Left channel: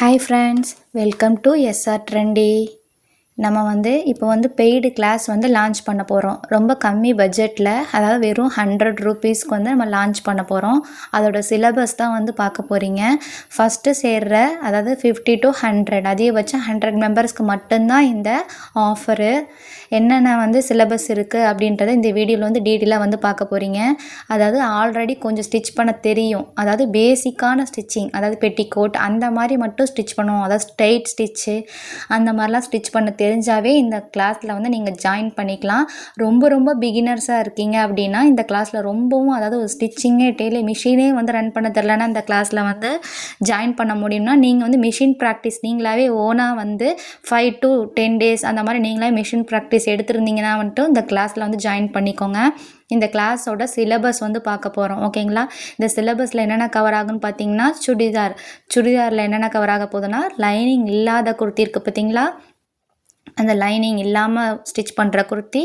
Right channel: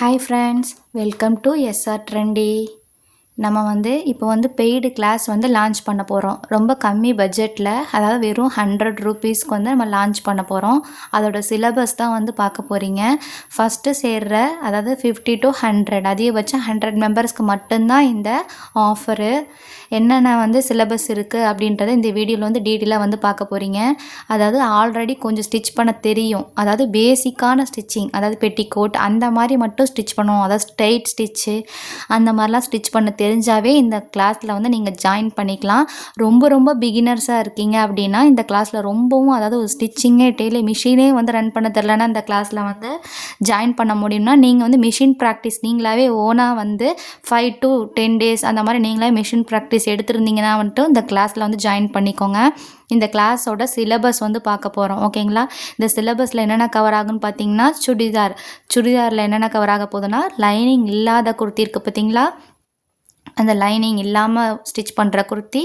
Hi friends, welcome to SR trendy. நம்ம இப்போ paid class launch பண்ண போகிறோம். ரொம்ப கம்மி பட்ஜெட்டில், அதாவது வெறும் 100 ரூபீஸ்க்கு நம்ம லான்ச் பண்ண போகிறோம். அதோட சிலபஸ் தான் பார்க்க போகிறீங்க. ஃபஸ்ட்டு சேர்ற, அதாவது 50 to 100, அதிகபட்சம் 100 மெம்பர்ஸ்க்கு மட்டும்தான் இந்த ஆஃபரு. என்னென்ன சிலபஸ் இருக்குது அப்படின்றத இந்த வீடியோவில் டீட்டெயிலாக பார்க்க போகிறீங்க. அதாவது ஆல்ரெடி கொஞ்சம் ஸ்டிச் பண்ண தெரியும், அதாவது பேசிக்கான ஸ்டிச்சிங், அதாவது பெட்டிக்கோட் அந்த மாதிரி மட்டும் ஸ்டிச் பண்ணுவோம். அதாவது ஸ்ட்ரைட் ஸ்டிச்சு அந்த மாதிரிலாம் ஸ்டிச் பண்ண தெரிஞ்சாவே இந்த கிளாஸில் நீங்கள் ஜாயின் பண்ணிக்கலாம். ரொம்ப பிகினர்ஸாக இருக்கீங்க அப்படின்னா இந்த கிளாஸில் ரொம்பவும், அதாவது ஒரு ஸ்டிச்சிங்கே டெய்லி மிஷினே ரன் பண்ண தெரிலனா இந்த கிளாஸில் ஜாயின் பண்ண முடியும்னா நீங்கள் மிஷின் ப்ராக்டிஸ் நீங்களாவே ஓனாக 5 to 10 days அந்த மாதிரி நீங்களே மிஷின் ப்ராக்டிஸ் எடுத்துருந்தீங்கன்னா இந்த கிளாஸில் ஜாயின் பண்ணிக்கோங்க. இந்த கிளாஸோட சிலபஸ் பார்க்க போகிறோம். ஓகேங்களா? இந்த சிலபஸில் என்னென்ன கவர் ஆகுன்னு பார்த்தீங்கன்னா, சுடிதாரில் என்னென்ன கவர் ஆக போகுதுன்னா, லைனிங் இல்லாத குர்த்தி இருக்குது பார்த்தீங்களா, அந்த லைனிங் இல்லாமல் ஸ்டிச் பண்ணுற குர்த்தி,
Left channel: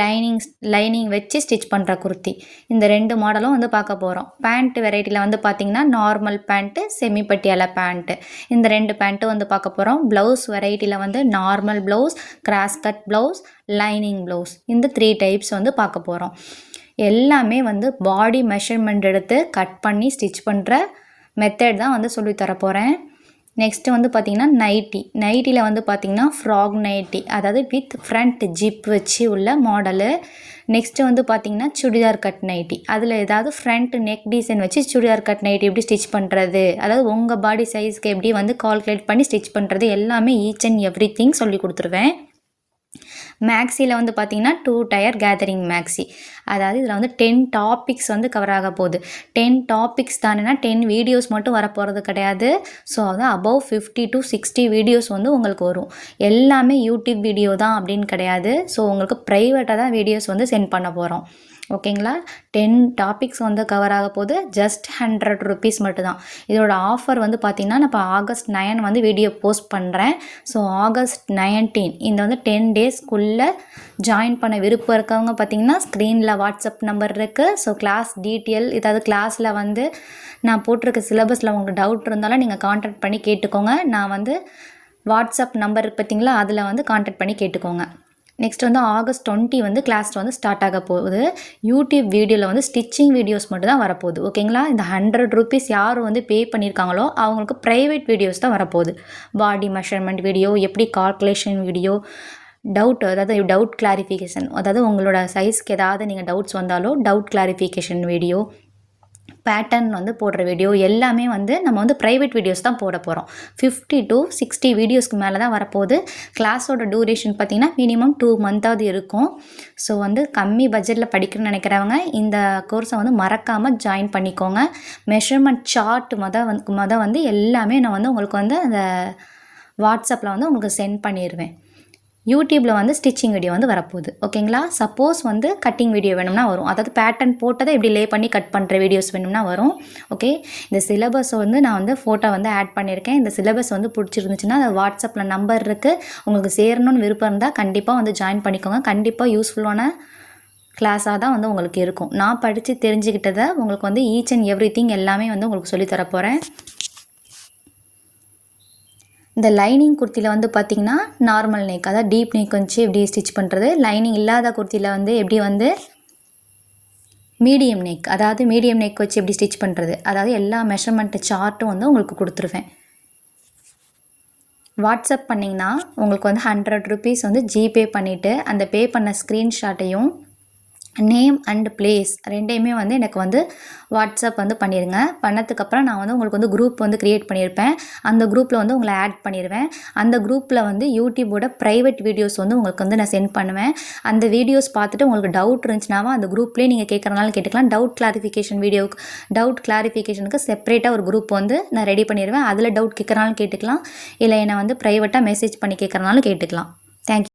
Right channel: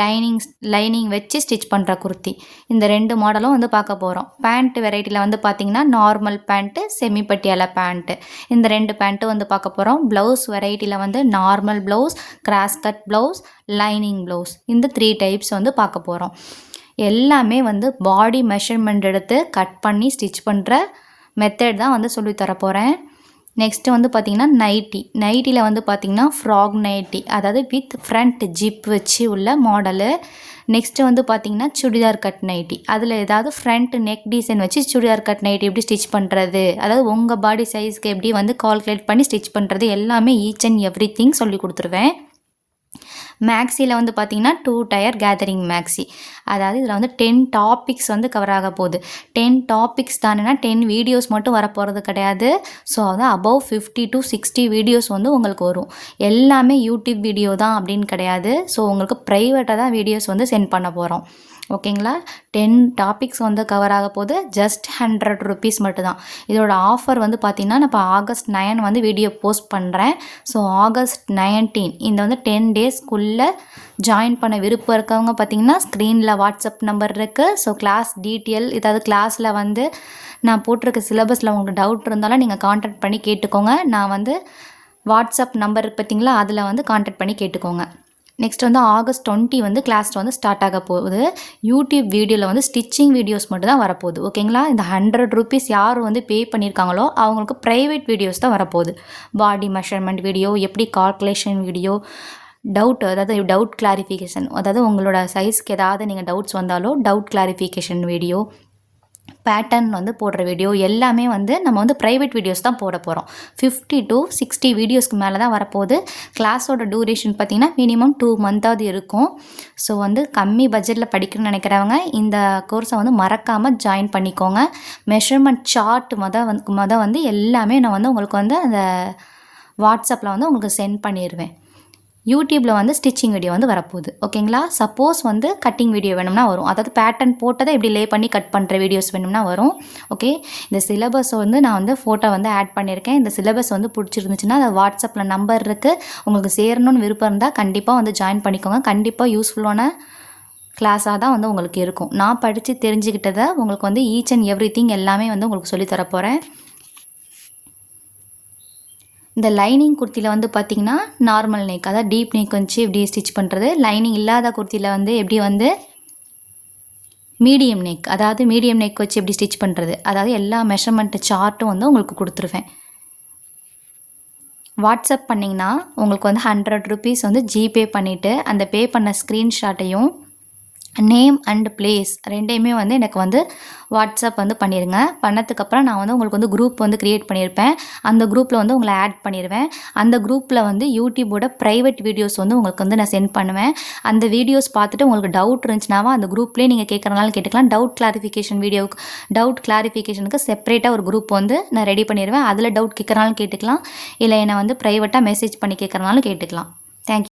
லைனிங் வச்சு ஸ்டிச் பண்ணுற குர்த்தி, இந்த 2 மாடலும் பார்க்க போகிறோம். பேண்ட் வெரைட்டியில் பார்த்திங்கன்னா normal pant, semi Patiala pant, இந்த 2 பேண்ட்டு பார்க்க போகிறோம். ப்ளவுஸ் வெரைட்டியில் normal blouse, cross cut blouse, lining blouse, இந்த 3 டைப்ஸ் பார்க்க போகிறோம். எல்லாமே பாடி மெஷர்மெண்ட் எடுத்து கட் பண்ணி ஸ்டிச் பண்ணுற மெத்தட் தான் சொல்லித்தர போகிறேன். நெக்ஸ்ட்டு பார்த்திங்கன்னா நைட்டியில் பார்த்திங்கன்னா ஃப்ராக் நைட்டி, அதாவது வித் ஃப்ரண்ட் ஜிப் வச்சு உள்ள மாடலு. நெக்ஸ்ட்டு பார்த்திங்கன்னா சுடிதார் கட் நைட்டி, அதில் ஏதாவது ஃப்ரண்ட் நெக் டிசைன் வச்சு சுடிதார் கட் நைட்டி எப்படி ஸ்டிச் பண்ணுறது, அதாவது உங்கள் பாடி சைஸ்க்கு எப்படி கால்குலேட் பண்ணி ஸ்டிச் பண்ணுறது, எல்லாமே ஈச் அண்ட் எவ்ரி திங் சொல்லி கொடுத்துருவேன். மேக்ஸியில் பார்த்திங்கன்னா 2 டயர் கேதரிங் மேக்ஸி, அதாவது இதில் 10 டாபிக்ஸ் கவர் ஆக போகுது. 10 டாபிக்ஸ் தானேன்னா 10 வீடியோஸ் மட்டும் வரப்போகிறது கிடையாது. ஸோ அபவ் 50 to 60 வீடியோஸ் உங்களுக்கு வரும். எல்லாமே யூடியூப் வீடியோ தான் அப்படின்னு கிடையாது. ஸோ உங்களுக்கு ப்ரைவேட்டாக தான் வீடியோஸ் சென்ட் பண்ண போகிறோம். ஓகேங்களா? 10 டாபிக்ஸ் கவர் ஆக போது ஜஸ்ட் 100 ரூபீஸ் மட்டும்தான். இதோட ஆஃபர் பார்த்திங்கன்னா நான் இப்போ August 9 வீடியோ போஸ்ட் பண்ணுறேன். ஸோ August 19 இந்த 10 டேஸ்க்குள்ளே ஜாயின் பண்ண விருப்பம் இருக்கவங்க பார்த்திங்கன்னா ஸ்க்ரீனில் வாட்ஸ்அப் நம்பர் இருக்குது. ஸோ கிளாஸ் டீட்டெயில், ஏதாவது கிளாஸில் நான் போட்டிருக்க சிலபஸில் உங்களுக்கு டவுட் இருந்தாலும் நீங்கள் கான்டாக்ட் பண்ணி கேட்டுக்கோங்க. நான் வாட்ஸ்அப் நம்பர் பார்த்திங்களா, அதில் கான்டாக்ட் பண்ணி கேட்டுக்கோங்க. நெக்ஸ்ட் August 20 கிளாஸ் ஸ்டார்ட் ஆக போகுது. யூடியூப் வீடியோவில் ஸ்டிச்சிங் வீடியோஸ் மட்டும் தான் வரப்போகுது. ஓகேங்களா? இந்த 100 ரூபீஸ் யார் பே பண்ணியிருக்காங்களோ அவங்களுக்கு ப்ரைவேட் வீடியோஸ் தான் வரப்போகுது. பாடி மெஷர்மெண்ட் வீடியோ, எப்படி கால்குலேஷன் வீடியோ, அதாவது டவுட் கிளாரிஃபிகேஷன், அதாவது உங்களோட சைஸ்க்கு ஏதாவது நீங்கள் டவுட்ஸ் வந்தாலோ டவுட் கிளாரிஃபிகேஷன் வீடியோ, பேட்டர்ன் போடுற வீடியோ, எல்லாமே நம்ம ப்ரைவேட் வீடியோஸ் தான் போட போகிறோம். 50 to 60 வீடியோஸ்க்கு மேலே தான் வரப்போகுது. கிளாஸோட டூரேஷன் பார்த்திங்கன்னா மினிமம் 2 மந்த்தாவது இருக்கும். ஸோ கம்மி பட்ஜெட்டில் படிக்கணும்னு நினைக்கிறவங்க இந்த கோர்ஸை மறக்காமல் ஜாயின் பண்ணிக்கோங்க. மெஷர்மெண்ட் சார்ட் எல்லாமே நான் உங்களுக்கு அந்த வாட்ஸ்அப்பில் உங்களுக்கு சென்ட் பண்ணிடுவேன். யூடியூப்பில் ஸ்டிச்சிங் வீடியோ வரப்போகுது. ஓகேங்களா? சப்போஸ் கட்டிங் வீடியோ வேணும்னா வரும், அதாவது பேட்டர்ன் போட்டதை இப்படி லே பண்ணி கட் பண்ணுற வீடியோஸ் வேணும்னா வரும். ஓகே? இந்த சிலபஸ் நான் ஃபோட்டோ ஆட் பண்ணியிருக்கேன். இந்த சிலபஸ் பிடிச்சிருந்துச்சுன்னா அது வாட்ஸ்அப்பில் நம்பர் இருக்குது. உங்களுக்கு சேரணும்னு விருப்பம் இருந்தால் கண்டிப்பாக ஜாயின் பண்ணிக்கோங்க. கண்டிப்பாக யூஸ்ஃபுல்லான கிளாஸாக தான் உங்களுக்கு இருக்கும். நான் படித்து தெரிஞ்சுக்கிட்டதை உங்களுக்கு ஈச் அண்ட் எவ்ரி திங் எல்லாமே உங்களுக்கு சொல்லித்தர போகிறேன். இந்த லைனிங் குர்த்தியில் பார்த்திங்கன்னா நார்மல் நெக், அதாவது டீப் நெக் வச்சு எப்படி ஸ்டிச் பண்ணுறது, லைனிங் இல்லாத குர்த்தியில் எப்படி மீடியம் நெக், அதாவது மீடியம் நெக் வச்சு எப்படி ஸ்டிச் பண்ணுறது, அதாவது எல்லா மெஷர்மெண்ட் சார்ட்டும் உங்களுக்கு கொடுத்துருவேன். வாட்ஸ்அப் பண்ணிங்கன்னா உங்களுக்கு 100 ரூபீஸ் ஜிபே பண்ணிவிட்டு அந்த பே பண்ண ஸ்க்ரீன்ஷாட்டையும் நேம் அண்ட் பிளேஸ் ரெண்டையுமே எனக்கு வாட்ஸ்அப் பண்ணிடுங்க. பண்ணதுக்கப்புறம் நான் உங்களுக்கு குரூப் க்ரியேட் பண்ணியிருப்பேன். அந்த குரூப்பில் உங்களை ஆட் பண்ணிடுவேன். அந்த குரூப்பில் யூடியூபோட ப்ரைவேட் வீடியோஸ் உங்களுக்கு நான் சென்ட் பண்ணுவேன். அந்த வீடியோஸ் பார்த்துட்டு உங்களுக்கு டவுட் இருந்துச்சுனாவா அந்த குரூப்லேயே நீங்கள் கேட்குறனாலும் கேட்டுக்கலாம். டவுட் கிளாரிஃபிகேஷனுக்கு செப்பரேட்டாக ஒரு குரூப் நான் ரெடி பண்ணிடுவேன். அதில் டவுட் கேட்குறனாலும் கேட்டுக்கலாம், இல்லை என்னை ப்ரைவேட்டாக மெசேஜ் பண்ணி கேட்குறனாலும் கேட்டுக்கலாம். தேங்க்யூ.